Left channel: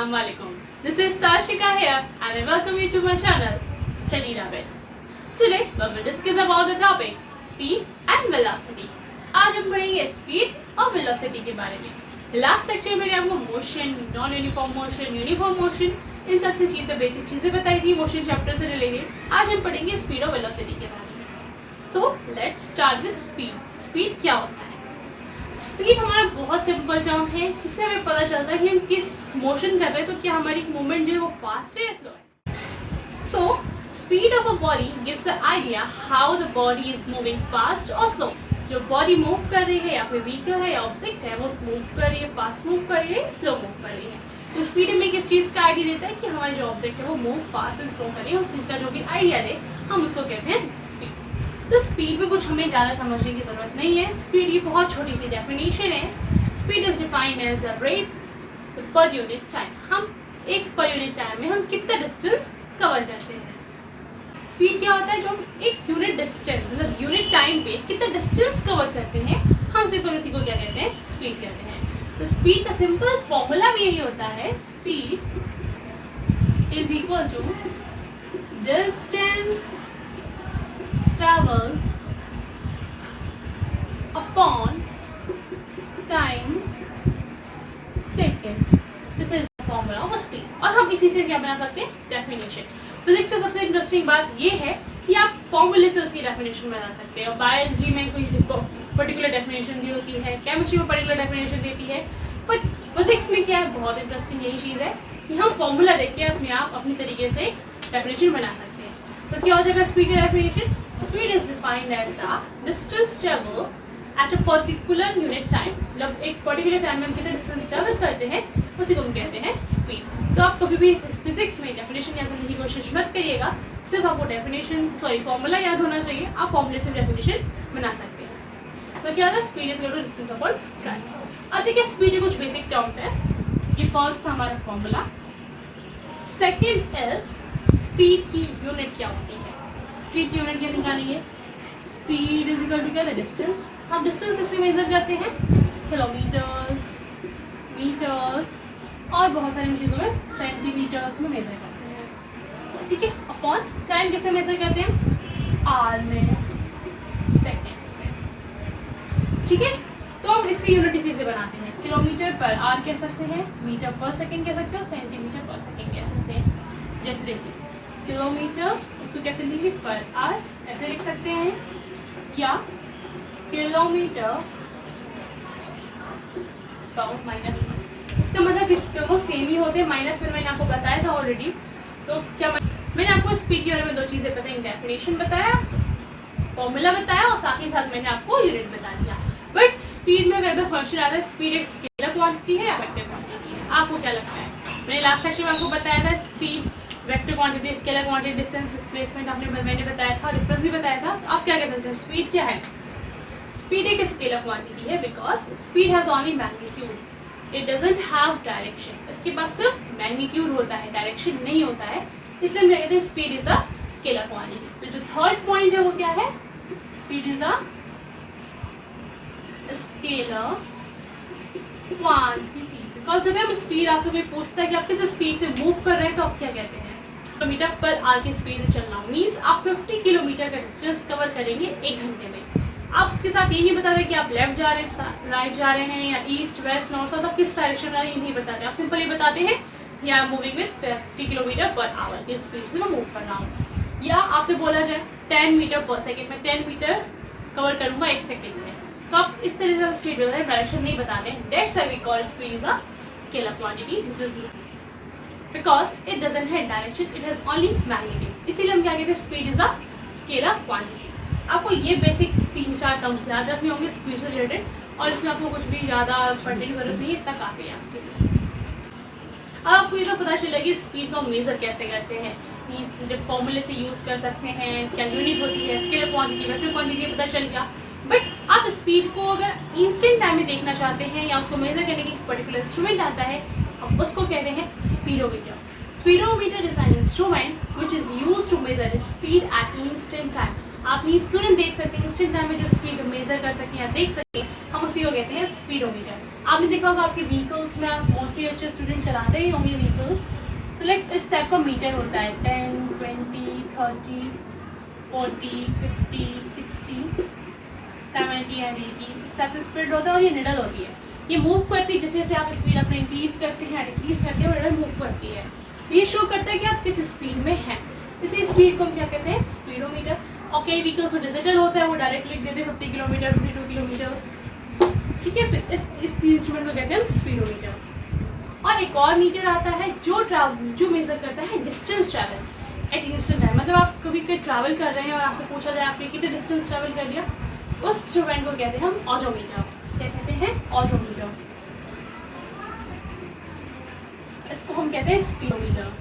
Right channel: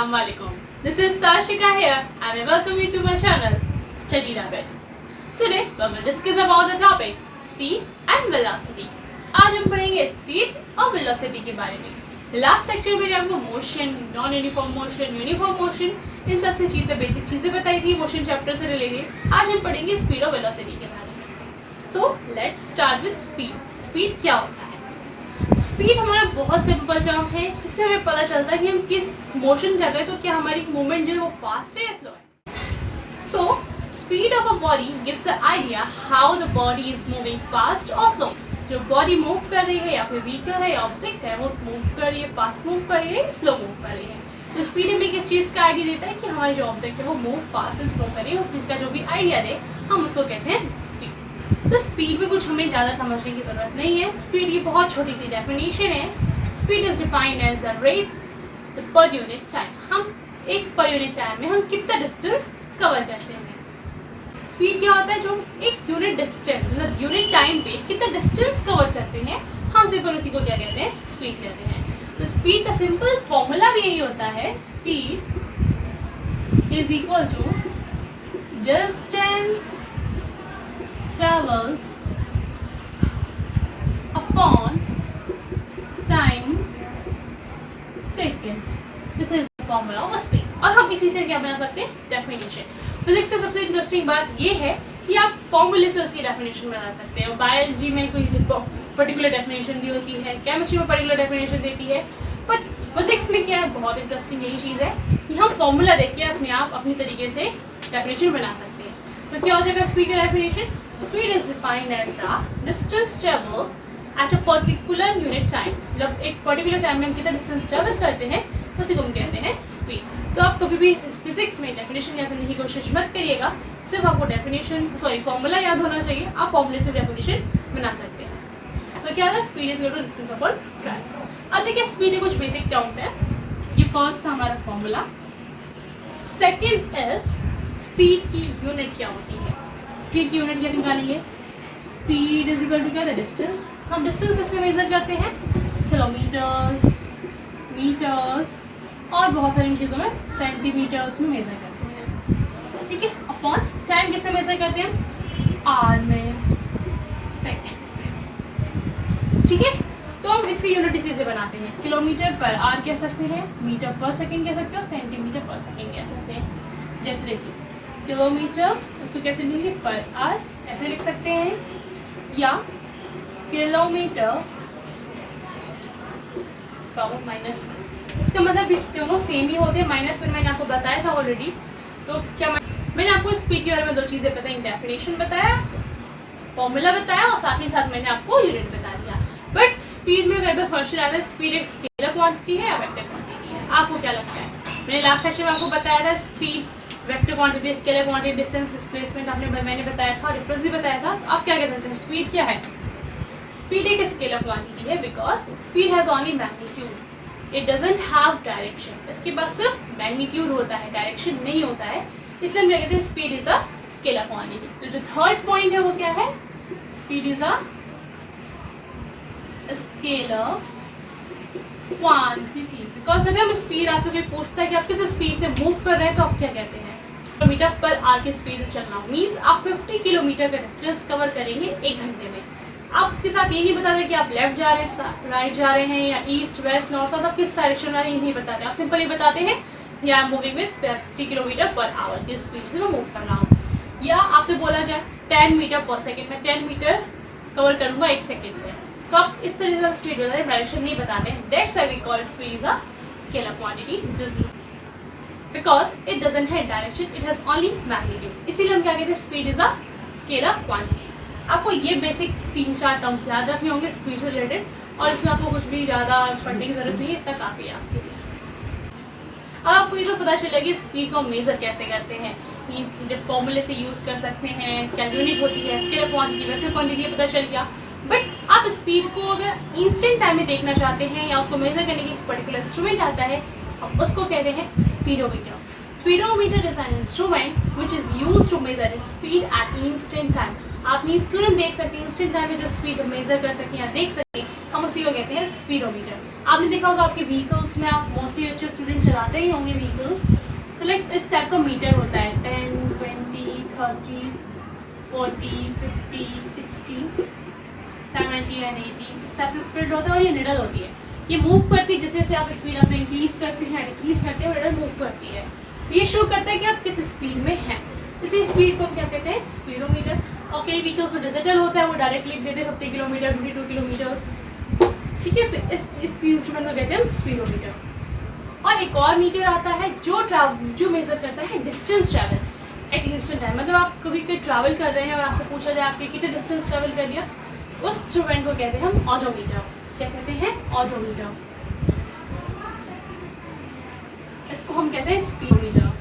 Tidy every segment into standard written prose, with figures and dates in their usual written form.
Assalamualaikum. This is Tarshika here and I welcome you to my channel Study Rabbit. Today we will discuss about the topic speed and velocity. आज हम पढ़ेंगे speed और velocity के बारे में. Last section में आपको motion, non uniform motion, uniform motion, इन सबसे चीजें बेसिक चीजें बताई थी मोशन चैप्टर से रिलेटेड. आज हम पढ़ेंगे स्पीड और वेलोसिटी के बारे में. So let's start with speed. Speed क्या होता है? स्पीड हमारा बहुत सिंपल टर्म है जिससे हमें पता चलता है कि हम किस मोशन कर रहे हैं, तो क्या हमारी मूवमेंट जो है वो फास्ट है या स्लो है. So speed of a body gives the idea how the body is moving fast और स्लो. जो बॉडी मूव कर रही है या फिर व्हीकल है या ऑब्जेक्ट है वो मूव कर रही है, फास्ट मूव कर रही है, स्लो मूव कर रही है. तो स्पीड हमें किस चीज़ का आइडिया देता है कि हमारी जो ऑब्जेक्ट है वो मूव फास्ट एंड स्लो कर रही है. उस चीज़ का जो भी आइडिया दे हम उसको कहते हैं स्पीड. तो स्पीड में कुछ हमें ज़्यादा समझने की ज़रूरत नहीं है. स्पीड की बहुत छोटी सी डेफिनेशन है. Speed is defined as the rate per unit time. हम एक पर यूनिट टाइम में हम कितना डिस्टेंस कवर करते हैं. स्पीड क्या होता है? जो हम एक यूनिट डिस्टेंस मतलब यूनिट टाइम पे कितना डिस्टेंस कवर करते हैं हम सिंपल उसी को क्या कहते हैं? स्पीड कहते हैं. तो स्पीड का सिंपल फॉर्मूला भी यही होता है. Speed is equal to distance travels upon time taken. This is the formula of speed. और हम इसी से क्या बना सकते हैं? डेफिनेशन. फिजिक्स से सबसे इंटरेस्टिंग बात ये है कि आप फॉर्मूले से उसकी डेफिनेशन बना सकते हो. बायोलॉजी में कोई पर्टिकुलर डेफिनेशन दी होती है, केमिस्ट्री में पर्टिकुलर डेफिनेशन देती है, बट फिजिक्स में क्या है बहुत इंटरेस्टिंग यही चीज़ है कि हम फॉर्मूला देख के अपने आप अपनी तरीके से डेफिनेशन बना सकते हैं. तो क्या हो जाएगा स्पीड का definition? Speed is defined as the distance travel at a particular unit time. मतलब एक पर्टिकुलर टाइम में हम कितना डिस्टेंस ट्रेवल करते हैं उसी को हम कहते हैं स्पीड. तो आप कभी भी फिजिक्स में डेफिनेशन याद करने की कोशिश मत करिएगा. सिर्फ आपको डेफिनेशन फॉर्मूला याद होना चाहिए. आप फॉर्मूले से डेफिनेशन बना सकते हैं. तो क्या था? Speed is equal to distance upon time. अब देखिए स्पीड के कुछ बेसिक टर्म्स है. ये फर्स्ट था हमारा फॉर्मूला. सेकेंड इज स्पीड की यूनिट क्या होती है. स्पीड की यूनिट कैसे निकालेंगे? स्पीड इज इक्वल टू क्या था? डिस्टेंस. हम डिस्टेंस किससे मेजर करते हैं? किलोमीटर्स, मीटर्स और बहुत सारी चीज़ों में सेंटीमीटर्स में मेजर करते हैं. ठीक है. अपॉन टाइम किससे मेजर करते हैं? आवर में, सेकेंड्स में. ठीक है. तो हम इसकी यूनिट इसी से बनाते हैं. किलोमीटर पर आवर कह सकते हैं, मीटर पर सेकेंड कह सकते हो, सेंटीमीटर पर सेकेंड कह सकते हैं. जैसे देखिए किलोमीटर उसको कैसे लिखेंगे? पर आवर ऐसे लिख सकते हैं, या किलोमीटर माइनस वन. इसका मतलब इस दोनों सेम ही होते हैं. माइनस वन मैंने आपको बताया था ऑलरेडी. तो क्या मैंने आपको स्पीड के बारे में दो चीज़ें बताई. डेफिनेशन बताया, फॉर्मूला बताया और साथ ही साथ मैंने आपको यूनिट बता दिया. बट स्पीड में अगर क्वेश्चन आता है स्पीड एक स्केलर क्वांटिटी है या वेक्टर क्वांटिटी है? आपको क्या लगता है? मैंने लास्ट सेक्शन में आपको बताया था speed vector quantity, scalar quantity, distance, displacement मैंने बताया था, डिफरेंस भी बताया था. आप क्या कह सकते हैं? स्पीड क्या है? स्पीड एक स्केलर क्वांटिटी है because speed has only magnitude. It doesn't have direction. इसके पास सिर्फ मैग्नीट्यूड होता है, डायरेक्शन नहीं होता है. इसलिए हम कहते हैं speed is a scalar quantity. तो जो थर्ड पॉइंट है वो क्या है? Speed is a scalar quantity. Because अगर हम स्पीड आपको कोई पूछता है कि आप किस स्पीड से मूव कर रहे हैं तो आप क्या कहते हैं? किलोमीटर पर आवर की स्पीड में चलना मीन्स आप 50 किलोमीटर का डिस्टेंस कवर करेंगे 1 घंटे में. आप उसके साथ ये नहीं बता रहे कि आप लेफ्ट जा रहे हैं, राइट जा रहे हैं, या ईस्ट, वेस्ट, नॉर्थ, साउथ, आप किस डायरेक्शन जा रहे हैं नहीं बताते. आप सिंपल ये बताते हैं कि I am moving with 50 kilometre per our की स्पीड से मैं मूव कर रहा हूँ. या आपसे बोला जाए 10 मीटर पर सेकेंड, मैं 10 मीटर कवर करूँगा 1 सेकेंड में. तो आप इस तरह से स्पीड डायरेक्शन नहीं बताते. That's why we call speed is a scalar quantity. This is because it doesn't have direction, it has only magnitude. इसीलिए हम क्या कहते हैं? Speed is a scalar quantity. आपको ये बेसिक 3-4 टर्म्स याद रखने होंगे स्पीड से रिलेटेड, और इसमें आपको कुछ भी ज़्यादा पढ़ने की जरूरत नहीं है. इतना काफ़ी है आपके लिए. अब आपको ये तो पता चलेगा कि स्पीड को मेजर कैसे करते हैं. जब फॉर्मूले से यूज़ कर सकते हैं, क्या यूनिट होती है, स्केलर क्वांटिटी, वेक्टर क्वांटिटी पता चल गया. बट आप स्पीड को अगर इंस्टेंट टाइम में देखना चाहते हैं या उसको मेजर करने की पर्टिकुलर इंस्ट्रूमेंट आता है, अब उसको कहते हैं speedometer. Speedometer is an instrument which is use to measure speed at instant time. आप तुरंत देख सकते हैं इंस्टेंट टाइम में जो स्पीड मेजर कर सकते हैं या देख सकते हैं, हम उसी को कहते हैं स्पीडोमीटर। आपने देखा होगा आपके व्हीकल्स में, आप मोस्टली अच्छे स्टूडेंट चलाते ही होंगे व्हीकल, तो लाइक इस टाइप का मीटर होता है 10, 20, 30, 40, 50, 60, 70 एंड 80 इस टाइप से स्पीड होता है। और ये निडल होती है, ये मूव करती है, जैसे जैसे आप स्पीड अपने इंक्रीज करते हैं डिक्रीज करते हैं और निडल मूव करती है। ये शो करता है कि आप किस स्पीड में हैं। इसी स्पीड को हम क्या कहते हैं, स्पीडोमीटर। और कई व्हीकल्स में डिजिटल होता है, वो डायरेक्ट लिख देते हैं 50 किलोमीटर, 52 किलोमीटर, ठीक है। तो इस इंस्ट्रूमेंट को कहते हैं स्पीडोमीटर। और एक और मीटर आता है जो मेजर करता है distance travel at instant time. मतलब आप कभी कोई ट्रैवल कर रहे हैं और आपसे पूछा जाए आपने कितने डिस्टेंस ट्रैवल कर लिया, उस इंस्ट्रूमेंट को कहते हैं हम ऑडोमीटर। क्या कहते हैं, ऑडोमीटर। इसको हम कहते हैं स्पीडोमीटर।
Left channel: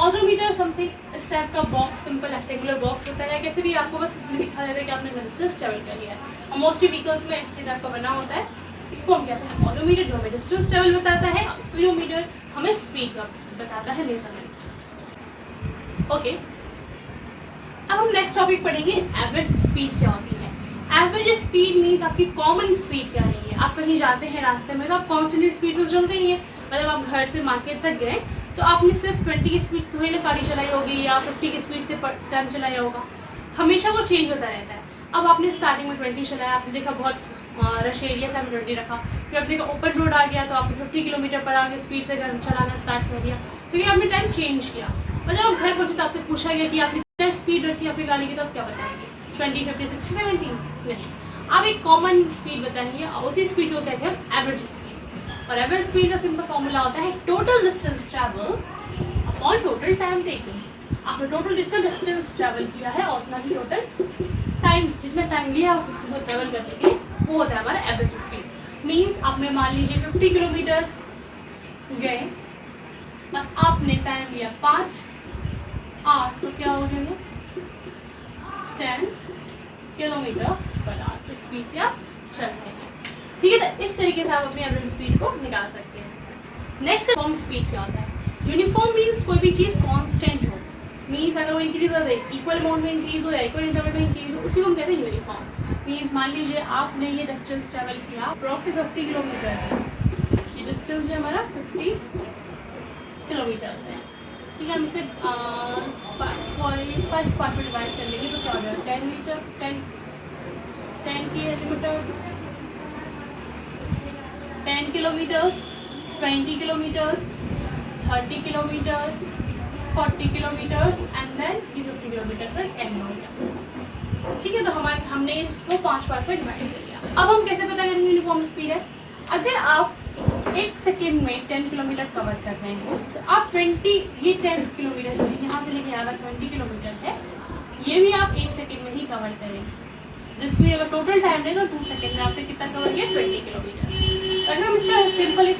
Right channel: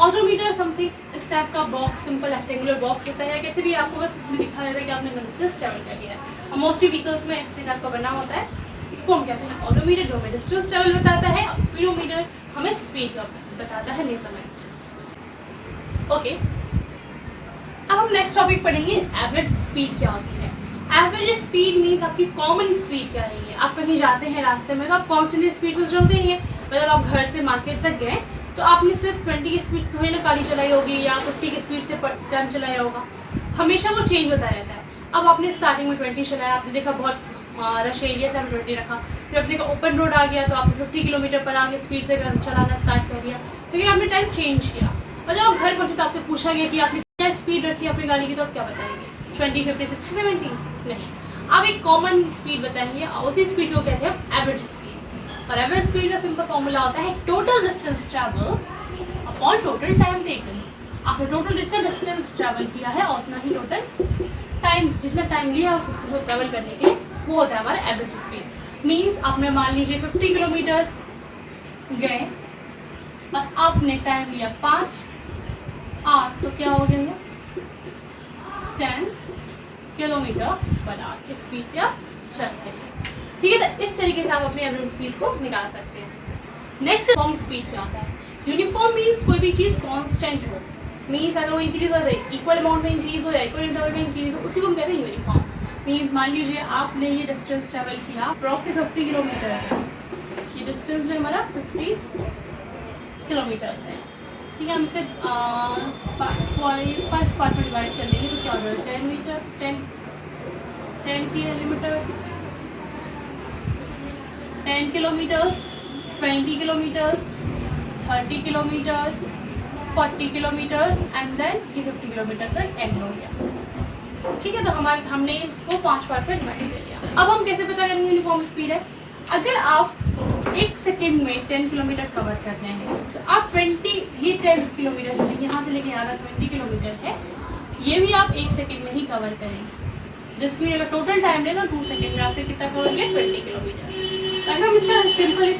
ऑडोमीटर समथिंग इस टाइप का बॉक्स, सिंपल रेक्टेंगुलर बॉक्स होता है, कैसे भी आपको बस इसमें दिखा देता है कि आपने डिस्टेंस ट्रैवल कर लिया है। और मोस्टली व्हीकल्स में इस टाइप का बना होता है। इसको हम कहते हैं ऑडोमीटर, जो हमें डिस्टेंस ट्रैवल बताता है, और स्पीडोमीटर हमें स्पीड का बताता है, मेजरमेंट। ओके, अब हम नेक्स्ट टॉपिक पढ़ेंगे, एवरेज स्पीड क्या होती है। एवरेज स्पीड मीन्स आपकी कॉमन स्पीड क्या रही है। आप कहीं जाते हैं रास्ते में तो आप कॉन्स्टेंट स्पीड से चलते नहीं है। मतलब आप घर से मार्केट तक गए तो आपने सिर्फ 20 की स्पीड से थोड़ी ना गाड़ी चलाई होगी, या 50 की स्पीड से टाइम चलाया होगा। हमेशा वो चेंज होता रहता है। अब आपने स्टार्टिंग में 20 चलाया, आपने देखा बहुत रश एरिया से आपने 20 रखा, फिर आपने देखा ओपन रोड आ गया तो आपने 50 किलोमीटर पर आगे स्पीड से चलाना स्टार्ट कर दिया, क्योंकि आपने टाइम चेंज किया। और जब आप घर पहुंचे तो आपसे पूछा गया कि आपने क्या स्पीड रखी अपनी गाड़ी की, तो आप क्या बताएंगे, 20, 50, 60, 70? नहीं, आप एक कॉमन स्पीड बताएंगे, और उसी स्पीड को कहते हैं एवरेज स्पीड। और एवरेज स्पीड का सिंपल फॉर्मूला होता है total distance travel upon total time taken. आपने टोटल जितना डिस्टेंस ट्रैवल किया है और उतना ही टोटल टाइम, जितना टाइम लिया उसको ट्रैवल करने के लिए, वो होता है हमारा एवरेज स्पीड। मीन्स आपने मान लीजिए 50 किलोमीटर गए और आपने टाइम लिया 5, 8, तो क्या हो गया ये 10 किलोमीटर पर आवर की स्पीड से आप चल रहे हैं, ठीक है। तो इस तरीके से आप अपनी एवरेज स्पीड को निकाल सकते हैं। नेक्स्ट यूनिफॉर्म स्पीड क्या होता है। यूनिफॉर्म मीन्स कोई भी चीज कांस्टेंट हो, मीन्स अगर वो इंक्रीज हो जाए, इक्वल अमाउंट में इंक्रीज हो जाए, इक्वल इंटरवल में इंक्रीज हो, उसी को हम कहते हैं यूनिफॉर्म। मीन्स मान लीजिए आपने ये डिस्टेंस ट्रेवल किया अप्रॉक्स 50 किलोमीटर है, ये डिस्टेंस जो हमारा 50 किलोमीटर है, ठीक है। हम इसे 5 पार्ट में डिवाइड कर लेंगे तो क्या हो जाएगा 10 metre, 10 kilometre, 10 kilometres, 20 kilometres, 30 kilometres, 40 kilometres and then ये 50 किलोमीटर तक एंड हो गया, ठीक है। तो हमने इसको 5 पार्ट में डिवाइड कर लिया। अब हम कैसे पता करेंगे यूनिफॉर्म स्पीड है। अगर आप 1 सेकेंड में 10 किलोमीटर कवर कर रहे हैं तो आप 20, ये 10 किलोमीटर जो है यहाँ से लेके यहाँ तक 20 किलोमीटर है, ये भी आप 1 सेकेंड में ही कवर करेंगे। जिसमें अगर टोटल टाइम रहेगा 2 सेकेंड में आपने कितना कवर किया 20 किलोमीटर। अगर हम इसका सिंपल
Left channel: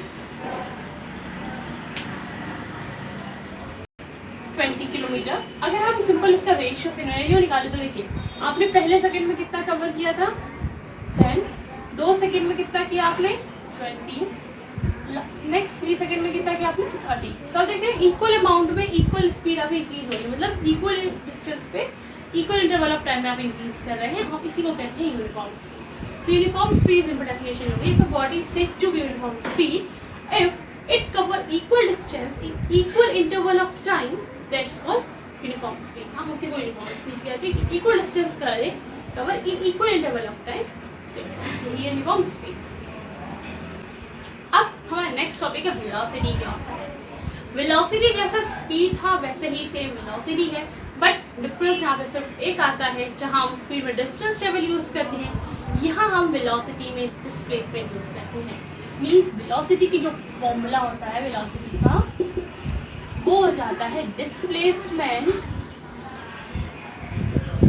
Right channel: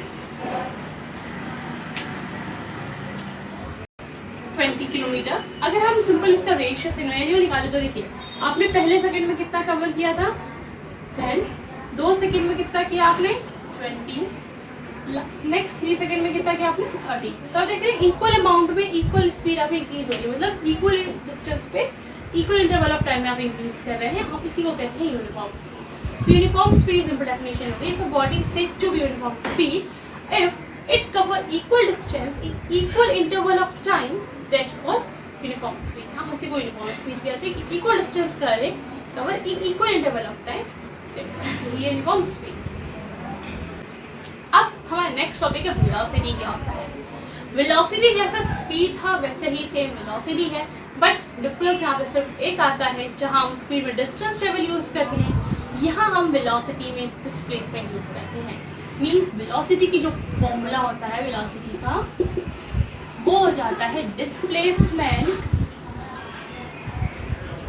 20 किलोमीटर, अगर हम सिंपल इसका रेशियो सिनेरियो निकाले तो देखिए आपने पहले सेकंड में कितना कवर किया था 10, 2 सेकंड में कितना किया आपने 20, नेक्स्ट 3 सेकंड में कितना किया आपने 30। तो आप देखते हैं इक्वल अमाउंट में इक्वल स्पीड आप इंक्रीज हो रही है, मतलब इक्वल डिस्टेंस पे इक्वल इंटरवल ऑफ टाइम में आप इंक्रीज कर रहे हैं, हम इसी को कहते हैं यूनिफॉर्म स्पीड। तो यूनिफॉर्म स्पीड सिंपल डेफिनेशन होगी, if a body is said to be uniform speed if it cover equal distance in equal interval of time, that's called uniform speed. हम उसी को यूनिफॉर्म स्पीड कहते हैं कि equal distance करे cover in equal interval of time, ये uniform speed. अब हमारा नेक्स्ट टॉपिक है वेलोसिटी क्या होता है। वेलोसिटी जैसा स्पीड था वैसे ही सेम वेलोसिटी है, बट डिफरेंस यहाँ पे सिर्फ एक आता है, जहाँ हम स्पीड में डिस्टेंस ट्रेवल यूज करते हैं, यहाँ हम वेलोसिटी में डिस्प्लेसमेंट यूज करते हैं। मीन्स वेलोसिटी की जो फॉर्मूला होता है वेलोसिटी का, वो हो जाता है डिस्प्लेसमेंट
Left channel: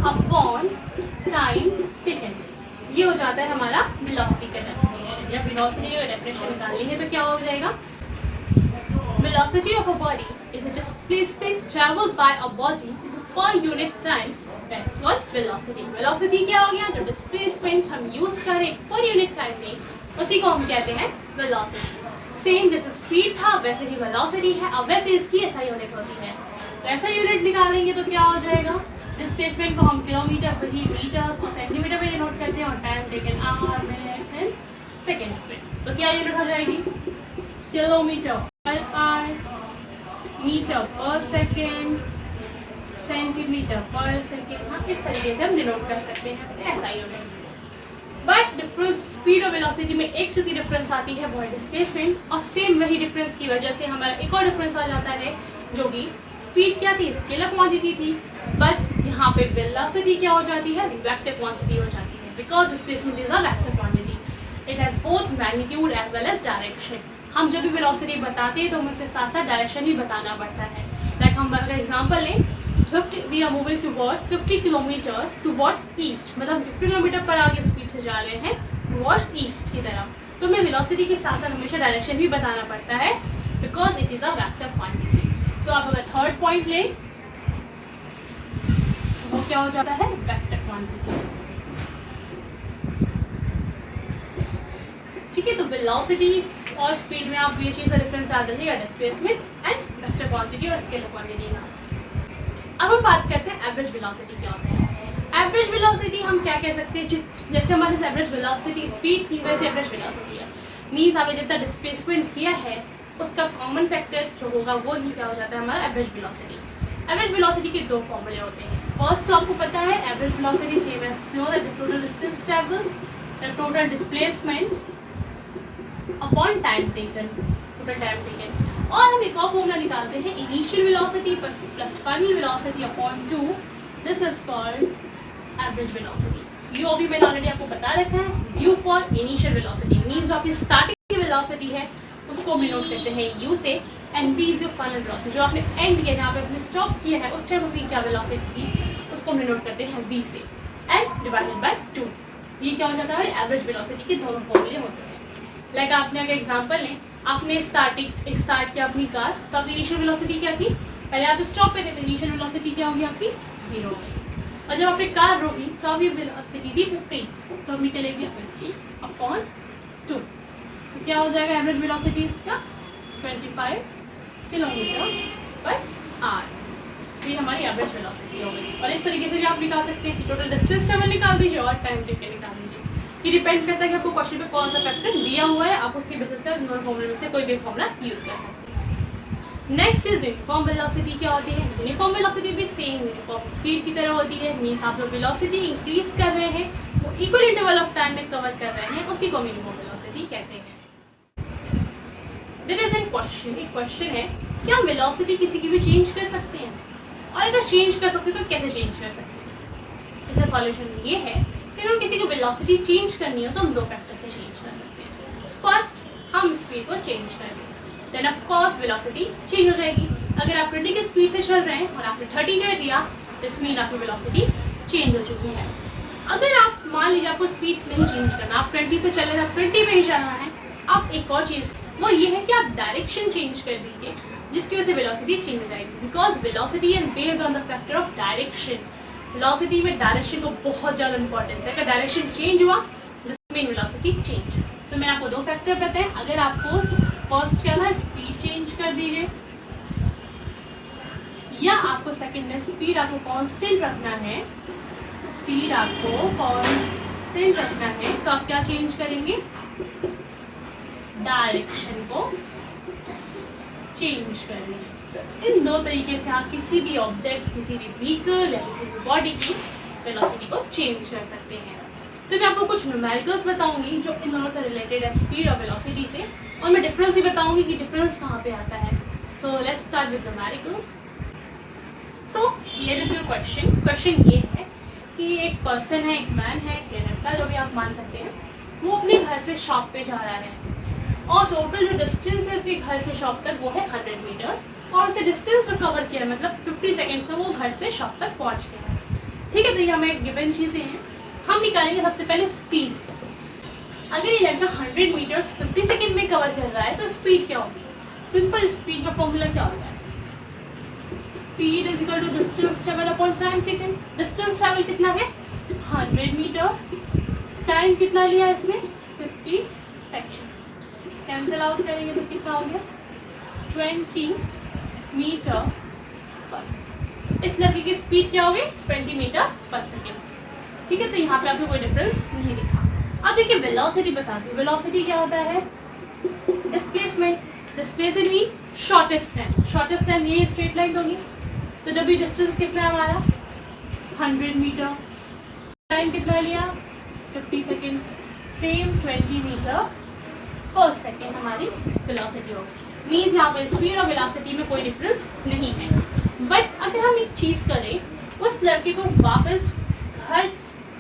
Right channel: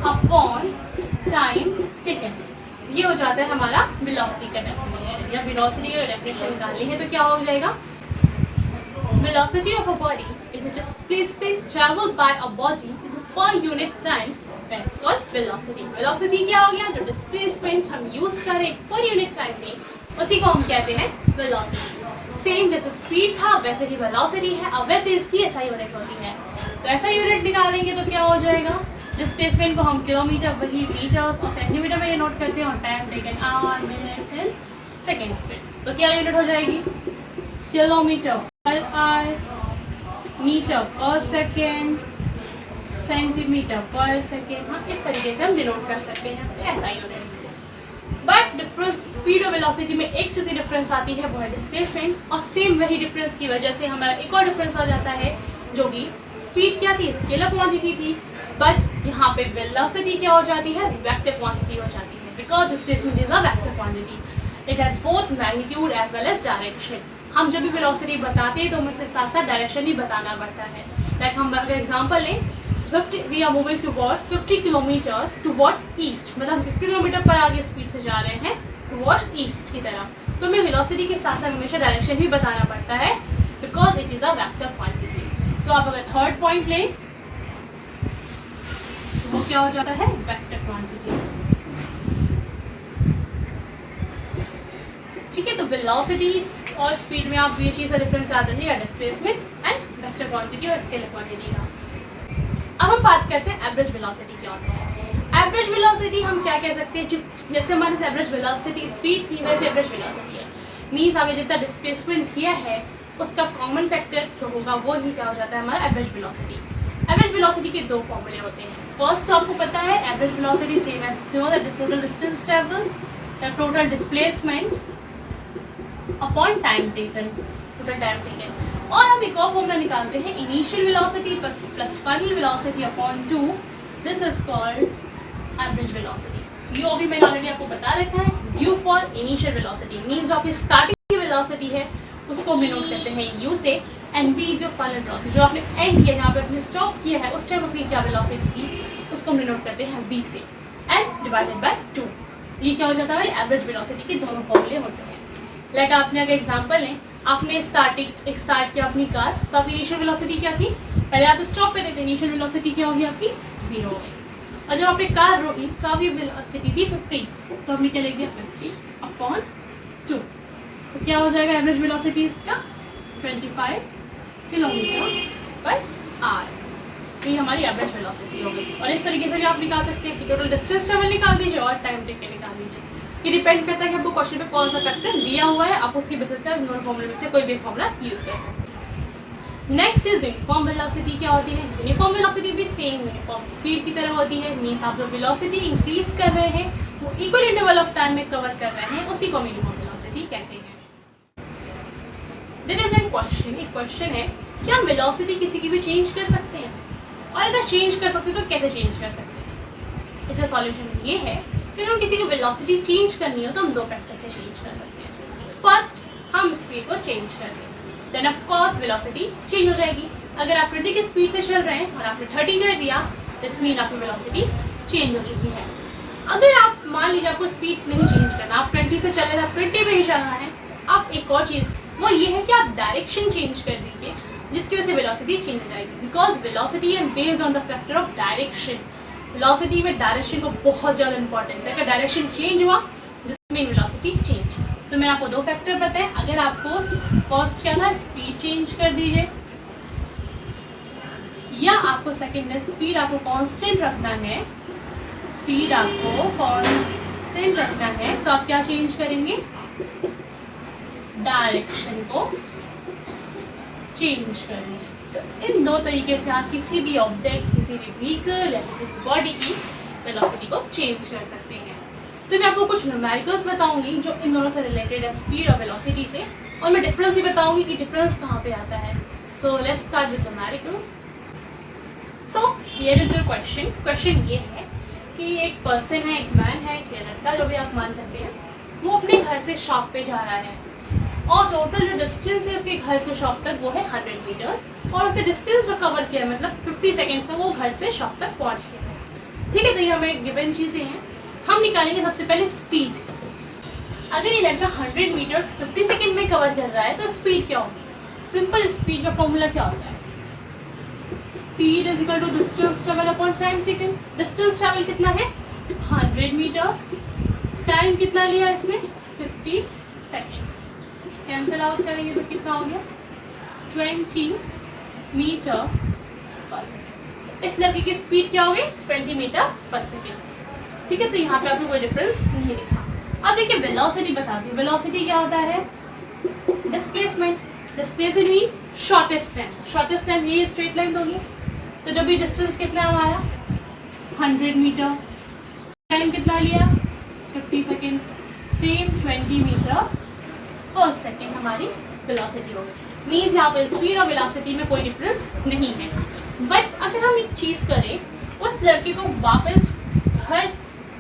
अपॉन टाइम टेकन। ये हो जाता है हमारा वेलोसिटी का डेफिनेशन, या वेलोसिटी का डेफिनेशन निकालनी है तो क्या हो जाएगा, velocity of a body is a displacement traveled by a body per unit time, that's called velocity। velocity क्या हो गया, जो displacement हम यूज करें per unit time में उसी को हम कहते हैं velocity। सेम जैसे स्पीड था वैसे ही velocity है, और वैसे इसकी ऐसा यूनिट होती है। तो ऐसा यूनिट निकालेंगे तो क्या हो जाएगा, डिस्प्लेसमेंट को हम किलोमीटर वही मीटर्स और सेंटीमीटर में नोट करते हैं और time taken hour minutes and seconds में। तो क्या यूनिट हो जाएगी kilometre per hour, metre per second, centimetre per second. हाँ इस तरीके से हम डिनोट कर सकते हैं ऐसा यूनिट्स को। बट डिफरेंस स्पीड और वेलोसिटी में एक चीज़ डिफरेंस आती है वो है डिस्प्लेसमेंट। और सेम वही डिफरेंस की वजह से हमारा एक और डिफरेंस आ जाता है जो कि स्पीड क्या थी स्केलर क्वांटिटी थी, बट यहाँ पे वेलोसिटी क्या हो जाती है वेक्टर क्वांटिटी हो जाती है। Because displacement is a vector quantity, it has both magnitude as well as direction. हम जब भी वेलोसिटी बताते हैं तो हमें उसके साथ साथ डायरेक्शन भी बताना पड़ता है। लाइक हम अगर एग्जाम्पल लें 50 we are moving towards 50 kilometre towards east, मतलब 50 किलोमीटर पर आगे स्पीड से जा रहे हैं टुवर्ड्स ईस्ट की तरफ, तो हमें वेलोसिटी के साथ साथ हमेशा डायरेक्शन भी बताना पड़ता है because it is a vector quantity. तो आप अगर थर्ड पॉइंट लें वो क्या हो जाता है वेक्टर क्वांटिटी। ठीक है, तो वेलोसिटी और स्पीड में आप ये चीज़ का डिफरेंस याद रखिएगा, डिस्प्लेसमेंट एंड वेक्टर क्वांटिटी और स्केलर क्वांटिटी का। अब हम बात करते हैं एवरेज वेलोसिटी क्या होता है। एवरेज वेलोसिटी हम क्या कह सकते हैं, जैसे हमारे एवरेज वेलोसिटी स्पीड की वैसे एवरेज वेलोसिटी है, मीन्स आपने जितना डिस्प्लेसमेंट किया है उसका कॉमन फैक्टर जो होगा वो ही क्या हो जाता है हमारा एवरेज वेलोसिटी। एवरेज वेलोसिटी के दो फॉर्मूले होते हैं। फर्स्ट तो आपको पता है average velocity same as total distance travel, total displacement upon time taken, total time taken. और हम एक और फॉर्मूला निकालते हैं initial velocity plus final velocity upon 2, this is called average velocity. U भी मैंने ऑलरेडी आपको बता रखा है, U for initial velocity means जो आपकी स्टार्टिंग की वेलोसिटी है उसको हम डिनोट करते हैं यू से, एंड बी जो फाइनल वेलोसिटी जो आपने एंड किया जहाँ पे आपने स्टॉप किया है उस टाइम अपनी क्या वेलोसिटी थी उसको हम डिनोट करते हैं बी से, एंड डिवाइडेड बाय 2। ये क्या हो जाता है एवरेज वेलोसिटी के दोनों फॉर्मूले होते हैं। लाइक आपने अगर एग्जांपल लें, आपने स्टार्ट किया अपनी कार, तो आपकी इनिशियल वेलोसिटी क्या थी, पहले आप स्टॉप पे थे तो इनिशियल वेलोसिटी क्या होगी आपकी 0 हो गई। और जब आपने कार रोकी तो आपकी वेलोसिटी थी 50, तो हमने क्या लेंगे 50 अपॉन 2, तो क्या हो जाएगा एवरेज वेलोसिटी इसका 25 किलोमीटर पर आवर। तो ये हमारी एवरेज वेलोसिटी हो गई। और इस तरीके से भी आप निकाल सकते हैं कि टोटल डिस्टेंस ट्रेवल निकाल दीजिए और टाइम टेकन निकाल दीजिए। ये डिपेंड करता है कि आपको क्वेश्चन में कौन सा फैक्टर दिया हुआ है, आप उसकी बेसिस से दोनों फॉर्मूले में से कोई भी फॉर्मूला यूज कर सकते हैं। नेक्स्ट इज यूनिफॉर्म वेलोसिटी क्या होती है। यूनिफॉर्म वेलोसिटी भी सेम यूनिफॉर्म स्पीड की तरह होती है, मीन्स आप जो वेलोसिटी इंक्रीज कर रहे हैं वो इक्वल इंटरवल ऑफ टाइम में कवर कर रहे हैं, उसी को हम यूनिफॉर्म वेलोसिटी कहते हैं। देयर इज एन क्वेश्चन, एक क्वेश्चन है क्या हम वेलोसिटी किसी की भी चेंज कर सकते हैं, और अगर चेंज कर सकते हैं तो कैसे चेंज कर सकते हैं। इसका सॉल्यूशन ये है कि हम किसी को वेलोसिटी चेंज करनी हो तो हम दो फैक्टर से चेंज कर सकते हैं। फर्स्ट हम स्पीड को चेंज कर दें, then of course velocity change हो जाएगी। अगर आप 20 की स्पीड से चल रहे हैं और आपने 30 कर दिया, दिस मीन आपकी वेलोसिटी चेंज हो चुकी है। अगर आप मान लीजिए आपको स्पीड नहीं चेंज करना, आप 20 से चले तो 20 पे ही चलना है, आप एक और चीज़ वो ये है कि आप डायरेक्शन चेंज कर दीजिए जिसकी वजह से वेलोसिटी चेंज हो जाएगी। Because velocity and based on the factor of direction, velocity में डायरेक्शन को बहुत ज़्यादा इंपॉर्टेंस है। अगर डायरेक्शन चेंज हुआ दिस मीन वेलोसिटी चेंज। तो मैंने आपको दो फैक्टर बताए, अगर आपको फर्स्ट क्या ना स्पीड चेंज कर दीजिए, या आपको सेकंड है स्पीड आपको कांस्टेंट रखना है, स्पीड आपको कांस्टेंट रखना है, तो आप क्या चेंज करेंगे, डायरेक्शन को चेंज करेंगे। तो इन दो तरीके से आप किसी भी ऑब्जेक्ट, किसी भी व्हीकल या किसी भी बॉडी की वेलोसिटी को चेंज कर सकते हैं। तो मैं आपको कुछ न्यूमेरिकल्स बताऊंगी जो इन दोनों से रिलेटेड है, स्पीड और वेलोसिटी से, और मैं डिफरेंस भी बताऊंगी कि डिफरेंस कहाँ पे आता है। तो let's start with numerical. So here is your question. Question ये है कि एक पर्सन है, एक मैन है, एक लड़का जो भी आप मान सकते हैं, वो अपने घर से शॉप पे जा रहा है और टोटल जो डिस्टेंस है उसके घर से शॉप तक वो है 100 मीटर्स, और उसे डिस्टेंस जो कवर किया मतलब 50 सेकेंड से वो घर से शॉप तक पहुंच गया। ठीक है, तो ये हमें गिवन चीज़ें हैं। हम निकालेंगे सबसे पहले स्पीड। अगर ये लड़का 100 मीटर्स 50 सेकेंड में कवर कर रहा है तो स्पीड क्या होगी। सिंपल स्पीड का फॉर्मूला क्या होता है, speed is equal to distance travel upon time taken. Distance travel कितना है 100 मीटर्स, टाइम कितना लिया इसमें 50 सेकेंड्स। कैंसिल आउट करेंगे तो कितना हो गया 20 मीटर पर सेकेंड। इस लड़के की स्पीड क्या होगी 20 मीटर पर सेकेंड। ठीक है, तो यहाँ पे अभी कोई डिफरेंस नहीं दिखा। अब देखिए वेलोसिटी बताती हूँ। वेलोसिटी क्या होता है, displacement. Displacement mean shortest line. Shortest line ये स्ट्रेट लाइन होगी। तो जब भी डिस्टेंस कितना हमारा 100 मीटर, टाइम कितना लिया 50 second, same 20 metre per second हमारी वेलोसिटी होगी। मीन्स यहाँ पर स्पीड और वेलोसिटी में कोई डिफरेंस नहीं है। बट अगर हम एक चीज़ करें, उस लड़के को वापस घर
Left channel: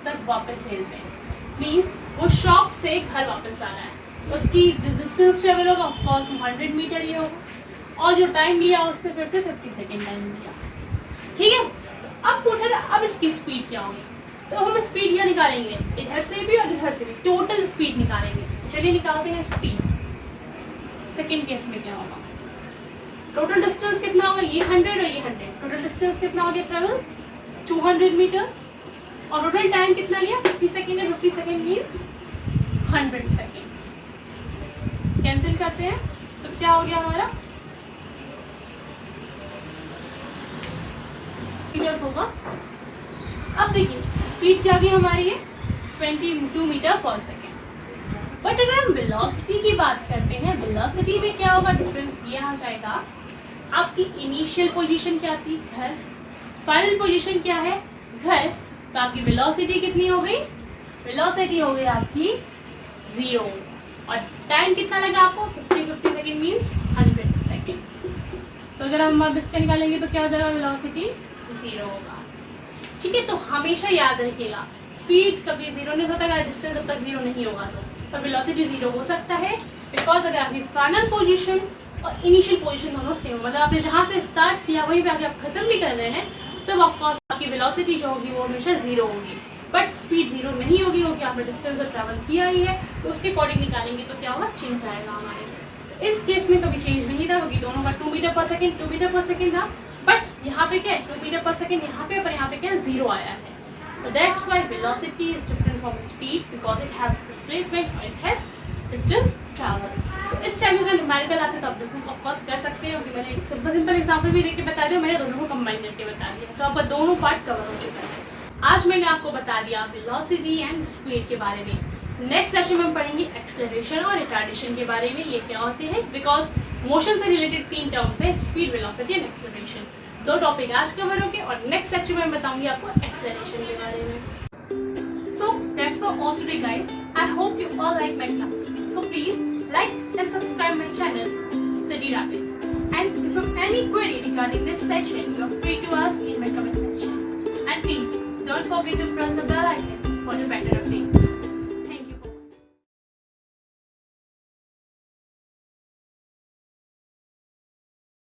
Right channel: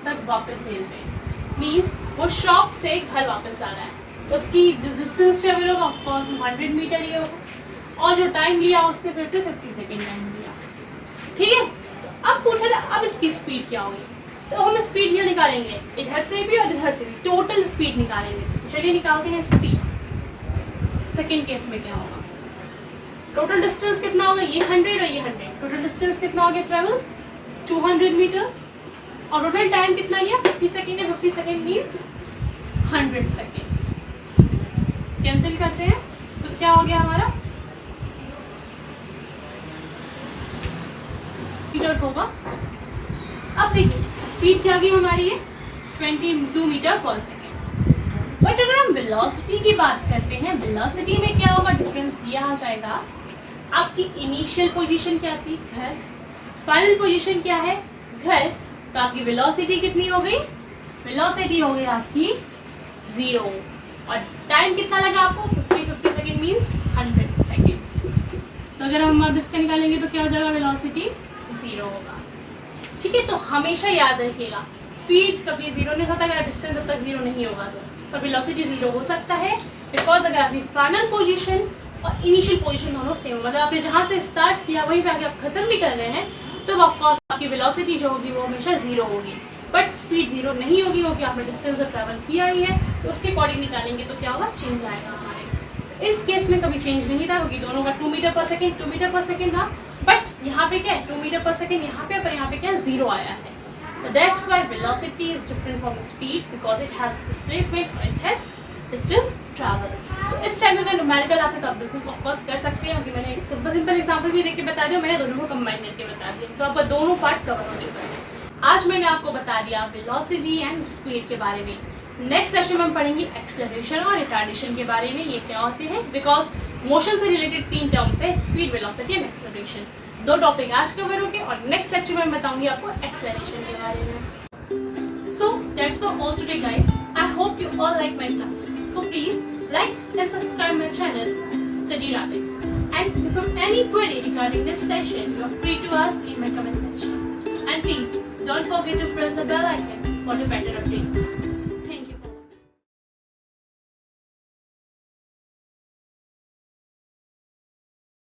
तक वापस भेज दें, मीन्स वो शॉप से घर वापस आ रहा है, उसकी जो डिस्टेंस ट्रेवल होगा ऑफकोर्स 100 मीटर ही होगा, और जो टाइम लिया उसने फिर से 50 सेकेंड टाइम लिया। ठीक है, तो अब पूछा जाए अब इसकी स्पीड क्या होगी, तो हम स्पीड यह निकालेंगे इधर से भी और इधर से भी, टोटल स्पीड निकालेंगे। तो चलिए निकालते हैं स्पीड। सेकेंड केस में क्या होगा, टोटल डिस्टेंस कितना होगा, ये 100 और ये 100, टोटल डिस्टेंस कितना हो गया ट्रेवल 200 मीटर्स, और टोटल टाइम कितना लिया 50 सेकेंड है। 50 सेकेंड मीन्स 100 सेकेंड्स। कैंसिल करते हैं तो क्या हो गया हमारा मीटर्स होगा। अब देखिए स्पीड क्या गई हमारी है 22 मीटर पर सेकेंड। बट अगर हम वेलोसिटी की बात करते हैं, वेलोसिटी में क्या होगा, डिफरेंस ये आ जाएगा। आपकी इनिशियल पोजीशन क्या थी घर, फाइनल पोजीशन क्या है घर, तो आपकी वेलोसिटी कितनी हो गई, वेलोसिटी हो गई आपकी 0, और टाइम कितना लगा आपको 50 सेकेंड मीन्स 100 सेकेंड्स। तो अगर हम अब इसका निकालेंगे तो क्या हो जाएगा, वेलोसिटी 0 होगा। ठीक है, तो हमेशा याद रखिएगा स्पीड कभी 0 नहीं होता अगर डिस्टेंस जब तक 0 नहीं होगा तो, पर वेलोसिटी 0 हो सकता है बिकॉज अगर आपकी फाइनल पोजीशन और इनिशियल पोजीशन दोनों सेम, मतलब आपने जहाँ से स्टार्ट किया वहीं पे आगे आप खत्म भी कर रहे हैं, तो ऑफकोर्स आपकी वेलोसिटी जो होगी वो हमेशा 0 होगी। बट स्पीड 0 नहीं होगी क्योंकि आपने डिस्टेंस जो ट्रैवल किया ही है, तो उसके अकॉर्डिंग निकालेंगे तो क्या होगा, चेंज आएगा हमारे। तो इस केस में कभी चेंज नहीं था क्योंकि दोनों का 2 metre per second 2 metre per second था। बट यहाँ पे क्या है 2 मीटर पर सेकेंड यहाँ पे, पर यहाँ पे क्या 0 आया है। So that's why velocity is different from speed because it has displacement or it has distance travel. तो इस टाइम अगर न्यूमेरिकल आते तो आप बिल्कुल ऑफकोर्स कर सकते हैं क्योंकि मैंने एक सिंपल एग्जांपल भी देख के बता दिया, मैंने दोनों को कंबाइन करके बता दिया, तो आपका दोनों पार्ट कवर हो जाएगा। आज मैंने आपको बता दिया वेलोसिटी एंड स्पीड के बारे में। नेक्स्ट सेक्शन में हम पढ़ेंगे एक्सेलरेशन और रिटार्डेशन के बारे में, ये क्या होते हैं, बिकॉज मोशन से रिलेटेड 3 टर्म्स है, speed, velocity and acceleration. 2 topic आज कवर होंगे और नेक्स्ट लेक्चर में मैं बताऊंगी आपको एक्सेलरेशन के बारे में। So that's for all today guys, I hope you all like my class, so please like and subscribe my channel Study Rapid, and if you have any query regarding this session you are free to ask in my comment section, and please don't forget to press the bell icon for the better updates.